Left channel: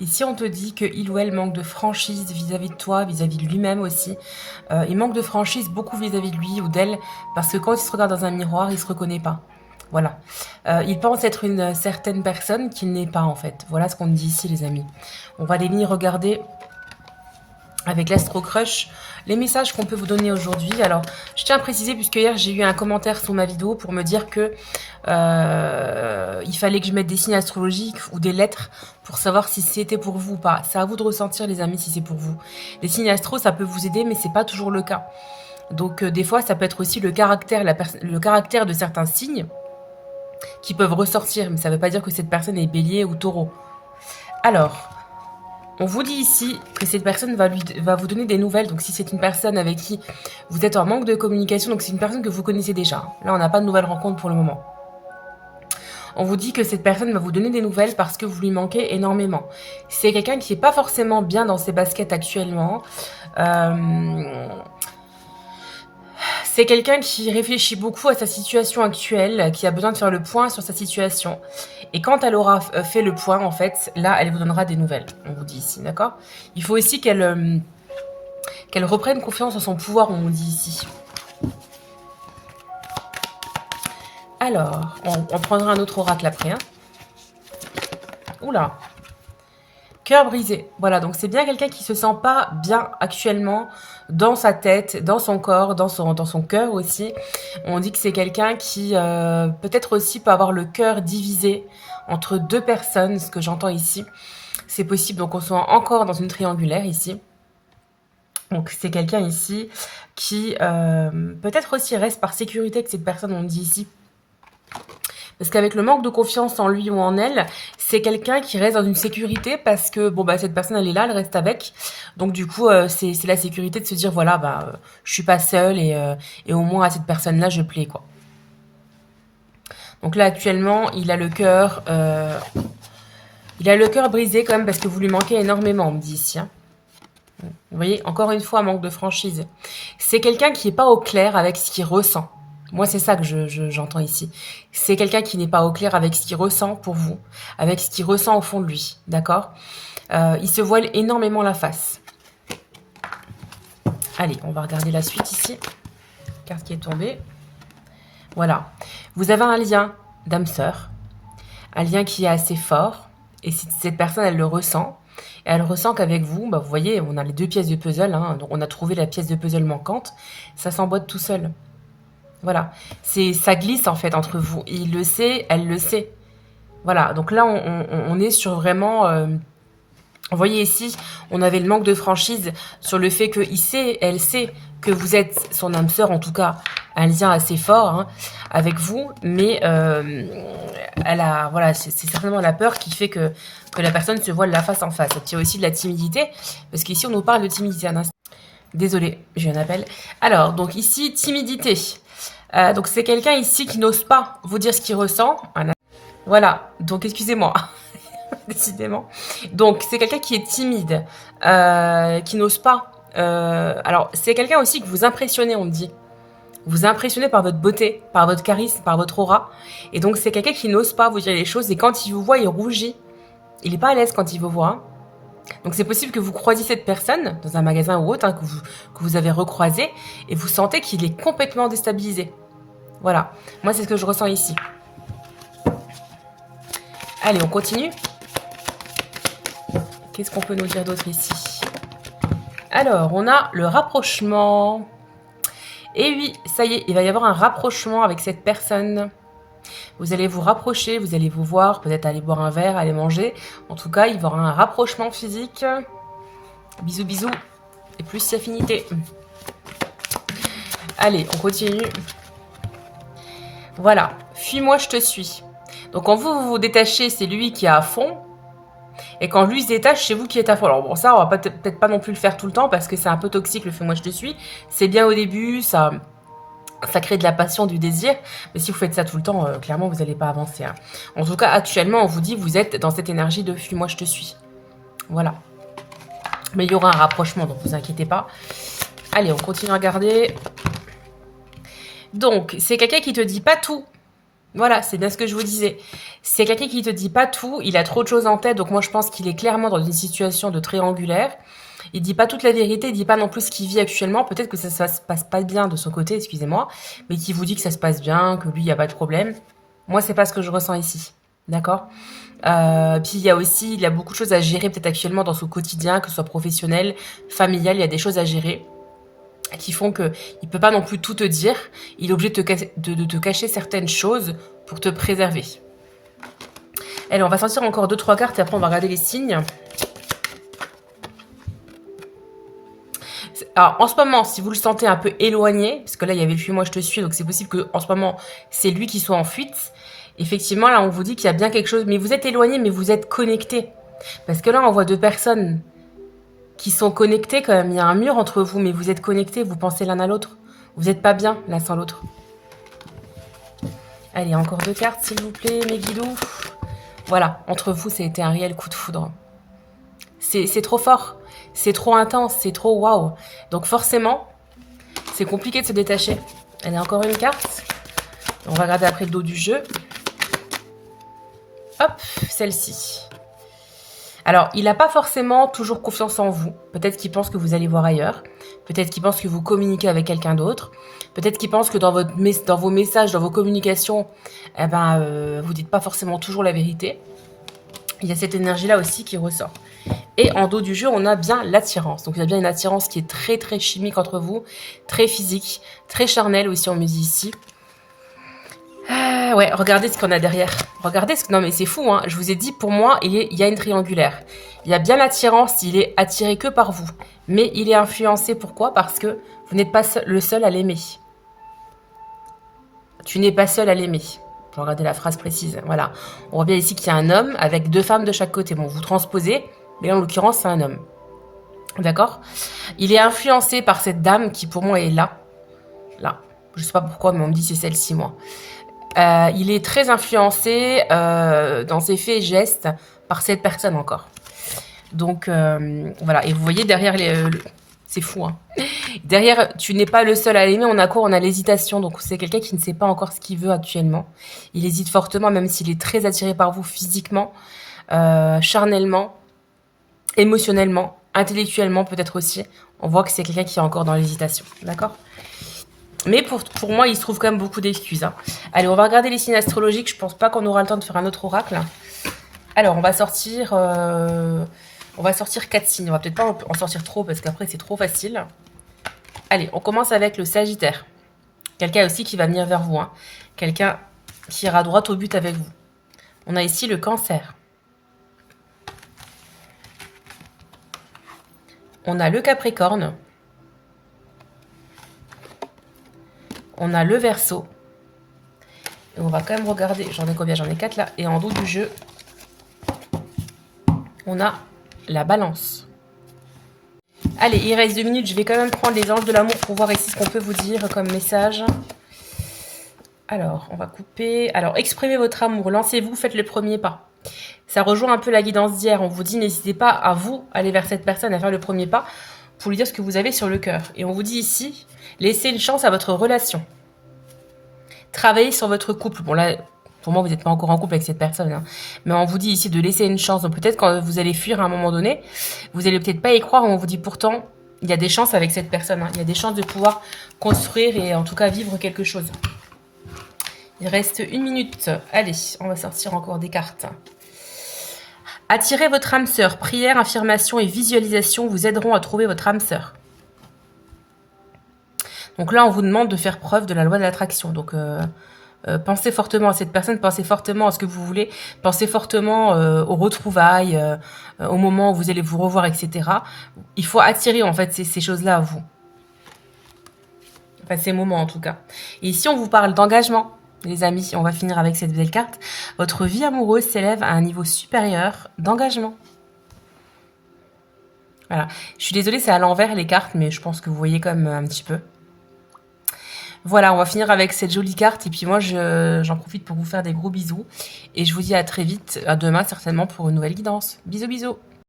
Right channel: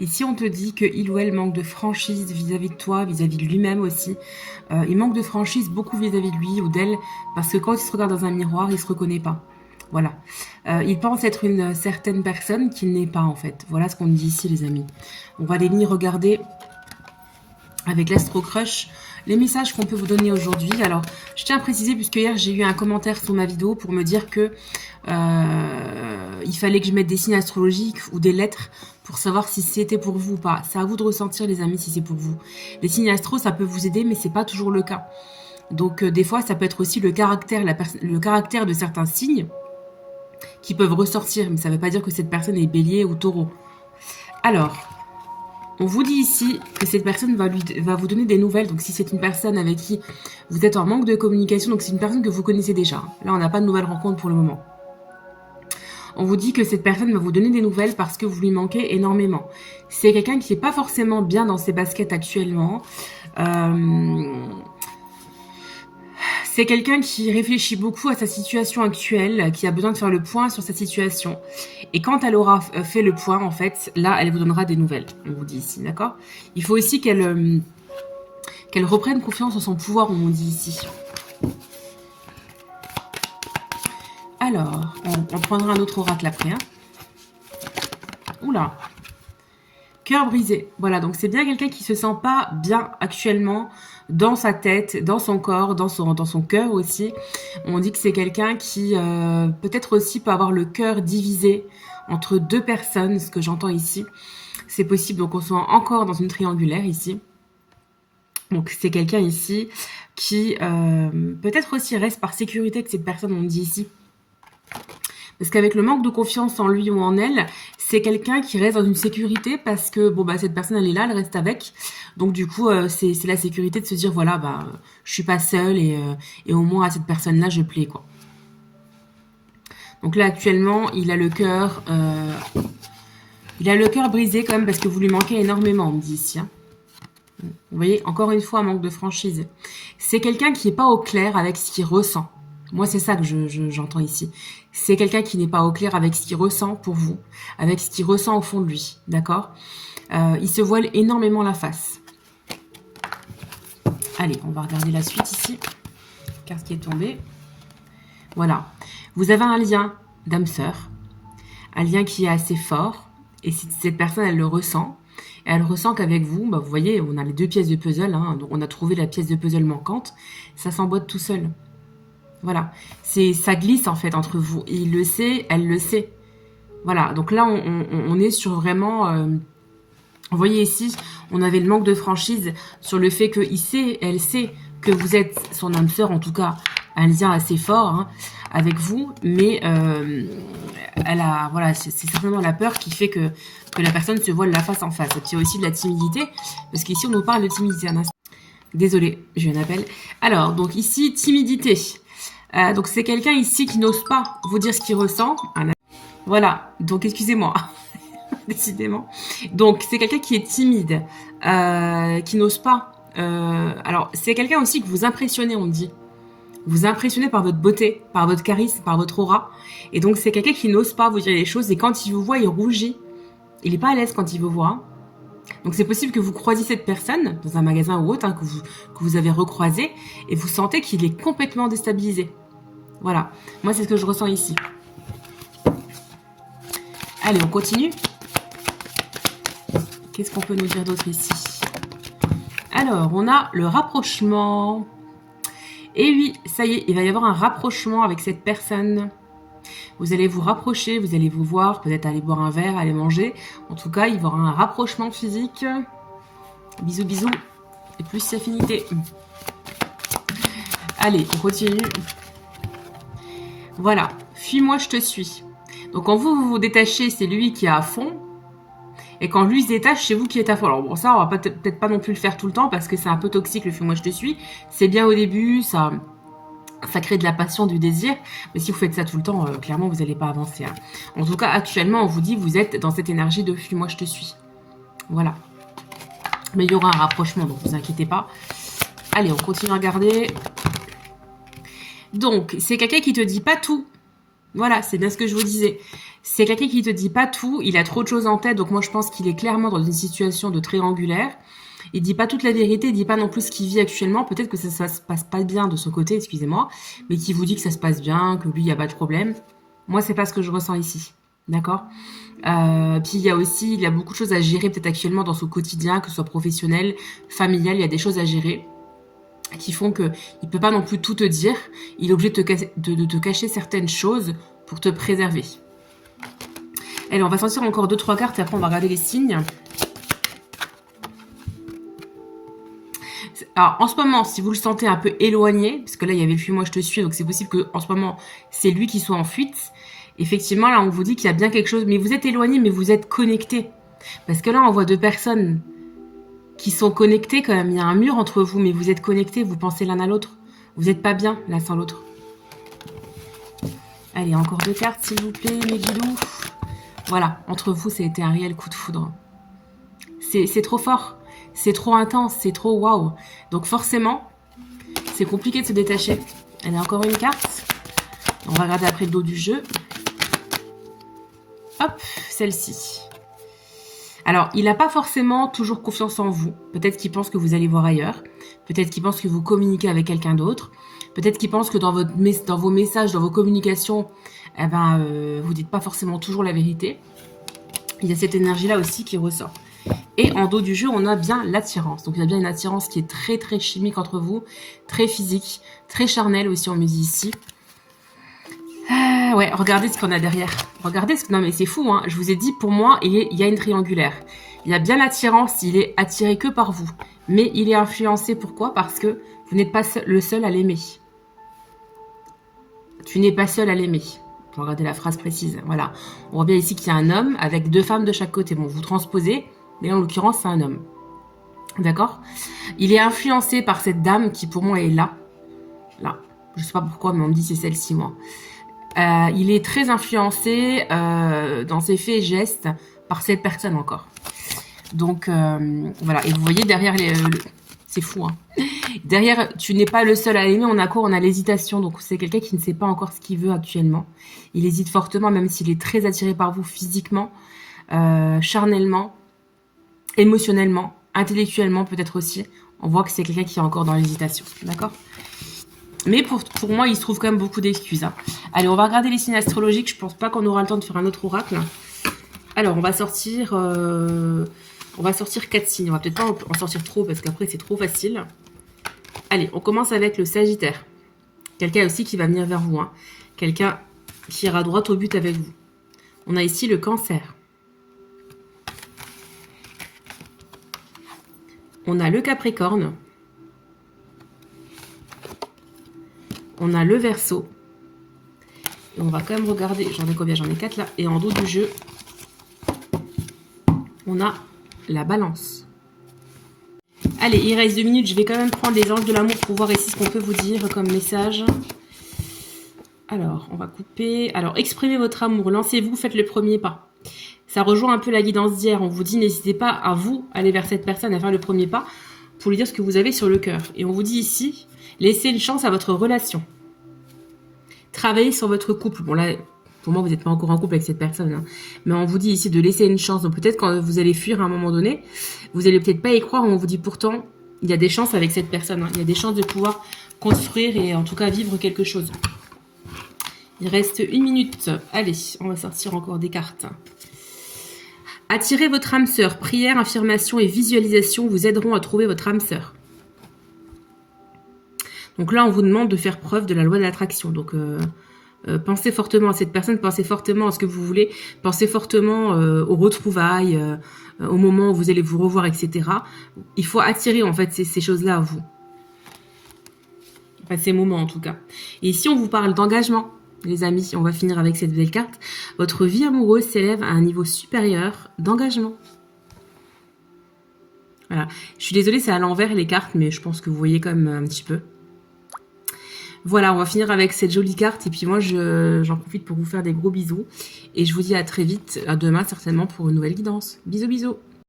Ici, on te dit qu'il ou elle manque de franchise vis-à-vis de toi, vis-à-vis de lui-même aussi. Il manque de franchise beaucoup vis-à-vis de lui ou d'elle, parce que quand il se regarde dans un miroir, il se reconnaît pas. Voilà. Il pense être une certaine personne qu'il n'est pas, en fait. Voilà ce qu'on me dit ici, les amis. On va aller venir regarder avec l'Astro Crush les messages qu'on peut vous donner aujourd'hui. Alors, je tiens à préciser, puisque hier, j'ai eu un commentaire sous ma vidéo pour me dire que il fallait que je mette des signes astrologiques ou des lettres pour savoir si c'était pour vous ou pas. C'est à vous de ressentir, les amis, si c'est pour vous. Les signes astro, ça peut vous aider, mais c'est pas toujours le cas. Donc, des fois, ça peut être aussi le caractère de certains signes qui peuvent ressortir, mais ça ne veut pas dire que cette personne est bélier ou taureau. Alors, on vous dit ici que cette personne va vous donner des nouvelles. Donc, si c'est une personne avec qui vous êtes en manque de communication, donc c'est une personne que vous connaissez déjà. Là, on n'a pas de nouvelles rencontres pour le moment. On vous dit que cette personne va vous donner des nouvelles parce que vous lui manquez énormément. C'est quelqu'un qui n'est pas forcément bien dans ses baskets actuellement. C'est quelqu'un qui réfléchit beaucoup à sa situation actuelle, qui a besoin de faire le point sur sa situation. Et quand elle aura fait le point, en fait, là, elle vous donnera des nouvelles. On vous dit ici, d'accord? Il faut aussi qu'elle reprenne confiance en son pouvoir, on vous dit ici. Alors, on prendra un autre oracle après. Hein. Oula. Cœur brisé. Voilà, donc c'est bien quelqu'un qui se sent pas bien actuellement dans sa tête, dans son corps, dans son cœur aussi. On dit que c'est quelqu'un qui peut-être aussi peut avoir le cœur divisé entre deux personnes, ce que j'entends ici. C'est possible, donc on soit encore dans une triangulaire ici. Donc c'est quelqu'un ici qui peut-être aussi reste par sécurité de cette personne, on dit ici. Parce qu'avec le manque de confiance en lui ou en elle, c'est quelqu'un qui reste dans une sécurité parce que bon bah cette personne elle est là, elle reste avec. Donc du coup c'est la sécurité de se dire voilà bah je suis pas seule et au moins à cette personne là je plais quoi. Donc là actuellement il a le cœur brisé quand même parce que vous lui manquez énormément on me dit ici. Hein. Vous voyez encore une fois manque de franchise. C'est quelqu'un qui n'est pas au clair avec ce qu'il ressent. Moi, c'est ça que j'entends ici. C'est quelqu'un qui n'est pas au clair avec ce qu'il ressent pour vous, avec ce qu'il ressent au fond de lui, d'accord? Il se voile énormément la face. Allez, on va regarder la suite ici. Carte qui est tombée. Voilà. Vous avez un lien d'âme-sœur, un lien qui est assez fort, et si cette personne, elle le ressent, et elle ressent qu'avec vous, bah, vous voyez, on a les deux pièces de puzzle, hein, on a trouvé la pièce de puzzle manquante, ça s'emboîte tout seul. Voilà, ça glisse en fait entre vous. Il le sait, elle le sait. Voilà, donc là on est sur vraiment... vous voyez ici, on avait le manque de franchise sur le fait qu'il sait, elle sait que vous êtes son âme sœur, en tout cas un lien assez fort hein, avec vous, mais elle a, voilà, c'est certainement la peur qui fait que la personne se voile la face en face. Et puis il y a aussi de la timidité, parce qu'ici on nous parle de timidité. Un instant. Désolée, j'ai un appel. Alors, donc ici, timidité. Donc c'est quelqu'un ici qui n'ose pas vous dire ce qu'il ressent. Voilà, donc excusez-moi, décidément. Donc c'est quelqu'un qui est timide, qui n'ose pas. Alors c'est quelqu'un aussi que vous impressionnez, on me dit. Vous impressionnez par votre beauté, par votre charisme, par votre aura. Et donc c'est quelqu'un qui n'ose pas vous dire les choses. Et quand il vous voit, il rougit. Il n'est pas à l'aise quand il vous voit. Donc c'est possible que vous croisiez cette personne dans un magasin ou autre, hein, que vous avez recroisé, et vous sentez qu'il est complètement déstabilisé. Voilà, moi c'est ce que je ressens ici. Allez, on continue. Qu'est-ce qu'on peut nous dire d'autre ici? Alors, on a le rapprochement. Et oui, ça y est, il va y avoir un rapprochement avec cette personne. Vous allez vous rapprocher, vous allez vous voir, peut-être aller boire un verre, aller manger. En tout cas, il va y avoir un rapprochement physique. Bisous, bisous. Et plus affinité. Allez, on continue. Voilà, fuis-moi, je te suis. Donc quand vous vous détachez, c'est lui qui est à fond. Et quand lui se détache, c'est vous qui êtes à fond. Alors bon, ça, on va peut-être pas non plus le faire tout le temps parce que c'est un peu toxique le fuis-moi, je te suis. C'est bien au début, ça crée de la passion, du désir. Mais si vous faites ça tout le temps, clairement, vous n'allez pas avancer. Hein. En tout cas, actuellement, on vous dit, vous êtes dans cette énergie de fuis-moi, je te suis. Voilà. Mais il y aura un rapprochement, donc vous inquiétez pas. Allez, on continue à regarder. Donc, c'est quelqu'un qui te dit pas tout. Voilà, c'est bien ce que je vous disais. C'est quelqu'un qui te dit pas tout, il a trop de choses en tête, donc moi je pense qu'il est clairement dans une situation de triangulaire. Il dit pas toute la vérité, il dit pas non plus ce qu'il vit actuellement. Peut-être que ça se passe pas bien de son côté, excusez-moi, mais qui vous dit que ça se passe bien, que lui, il n'y a pas de problème. Moi, c'est pas ce que je ressens ici. D'accord. Puis il y a beaucoup de choses à gérer peut-être actuellement dans son quotidien, que ce soit professionnel, familial, il y a des choses à gérer qui font que il peut pas non plus tout te dire. Il est obligé de te cacher certaines choses pour te préserver. Allez, on va sortir encore 2-3 cartes et après on va regarder les signes. Alors, en ce moment, si vous le sentez un peu éloigné, parce que là, il y avait le fuis-moi, je te suis, donc c'est possible qu'en ce moment, c'est lui qui soit en fuite. Effectivement, là, on vous dit qu'il y a bien quelque chose, mais vous êtes éloigné, mais vous êtes connecté. Parce que là, on voit deux personnes qui sont connectées quand même. Il y a un mur entre vous, mais vous êtes connectés, vous pensez l'un à l'autre. Vous n'êtes pas bien, l'un sans l'autre. Allez, encore 2 cartes, s'il vous plaît, mes guilous. Voilà, entre vous, ça a été un réel coup de foudre. C'est trop fort, c'est trop intense, c'est trop waouh. Donc forcément, c'est compliqué de se détacher. Allez, encore une carte. On va regarder après le dos du jeu. Hop, celle-ci. Alors, il n'a pas forcément toujours confiance en vous. Peut-être qu'il pense que vous allez voir ailleurs. Peut-être qu'il pense que vous communiquez avec quelqu'un d'autre. Peut-être qu'il pense que dans vos messages, dans vos communications, vous dites pas forcément toujours la vérité. Il y a cette énergie-là aussi qui ressort. Et en dos du jeu, on a bien l'attirance. Donc, il y a bien une attirance qui est très, très chimique entre vous, très physique, très charnelle aussi, on me dit ici. Ouais, regardez ce qu'on a derrière. Regardez ce que... Non, mais c'est fou, hein. Je vous ai dit, pour moi, il y a une triangulaire. Il y a bien l'attirance, il est attiré que par vous. Mais il est influencé, pourquoi? Parce que vous n'êtes pas le seul à l'aimer. Tu n'es pas seul à l'aimer. Je vais regarder la phrase précise. Voilà. On voit bien ici qu'il y a un homme avec 2 femmes de chaque côté. Bon, vous transposez, mais là, en l'occurrence, c'est un homme. D'accord? Il est influencé par cette dame qui, pour moi, est là. Là. Je sais pas pourquoi, mais on me dit c'est celle-ci, moi. Il est très influencé dans ses faits et gestes par cette personne encore. Donc, voilà. Et vous voyez, derrière c'est fou, hein. Derrière, tu n'es pas le seul à l'aimer. On a quoi? On a l'hésitation. Donc, c'est quelqu'un qui ne sait pas encore ce qu'il veut actuellement. Il hésite fortement, même s'il est très attiré par vous physiquement, charnellement, émotionnellement, intellectuellement peut-être aussi. On voit que c'est quelqu'un qui est encore dans l'hésitation. D'accord? Mais pour moi, il se trouve quand même beaucoup d'excuses. Hein. Allez, on va regarder les signes astrologiques. Je pense pas qu'on aura le temps de faire un autre oracle. Alors, on va sortir 4 signes. On va peut-être pas en sortir trop parce qu'après, c'est trop facile. Allez, on commence avec le Sagittaire. Quelqu'un aussi qui va venir vers vous. Hein. Quelqu'un qui ira droit au but avec vous. On a ici le Cancer. On a le Capricorne. On a le Verseau. Et on va quand même regarder. J'en ai combien? J'en ai 4 là. Et en dos du jeu, on a la Balance. Allez, il reste 2 minutes. Je vais quand même prendre les anges de l'amour pour voir ici ce qu'on peut vous dire comme message. Alors, on va couper. Alors, exprimez votre amour. Lancez-vous, faites le premier pas. Ça rejoint un peu la guidance d'hier. On vous dit, n'hésitez pas à vous aller vers cette personne, à faire le premier pas pour lui dire ce que vous avez sur le cœur. Et on vous dit ici, laissez une chance à votre relation. Travaillez sur votre couple. Bon là, pour moi, vous n'êtes pas encore en couple avec cette personne. Hein. Mais on vous dit ici de laisser une chance. Donc peut-être quand vous allez fuir à un moment donné, vous n'allez peut-être pas y croire. On vous dit pourtant, il y a des chances avec cette personne. Hein. Il y a des chances de pouvoir construire et en tout cas vivre quelque chose. Il reste 1 minute. Allez, on va sortir encore des cartes. Attirez votre âme sœur. Prière, affirmation et visualisation vous aideront à trouver votre âme sœur. Donc là, on vous demande de faire preuve de la loi de l'attraction. Donc, pensez fortement à cette personne, pensez fortement à ce que vous voulez, pensez fortement aux retrouvailles, au moment où vous allez vous revoir, etc. Il faut attirer, en fait, ces choses-là à vous. Enfin, ces moments, en tout cas. Et ici, on vous parle d'engagement, les amis. On va finir avec cette belle carte. Votre vie amoureuse s'élève à un niveau supérieur d'engagement. Voilà. Je suis désolée, c'est à l'envers, les cartes, mais je pense que vous voyez quand même un petit peu. Voilà, on va finir avec cette jolie carte. Et puis moi, j'en profite pour vous faire des gros bisous. Et je vous dis à très vite, à demain certainement pour une nouvelle guidance. Bisous, bisous.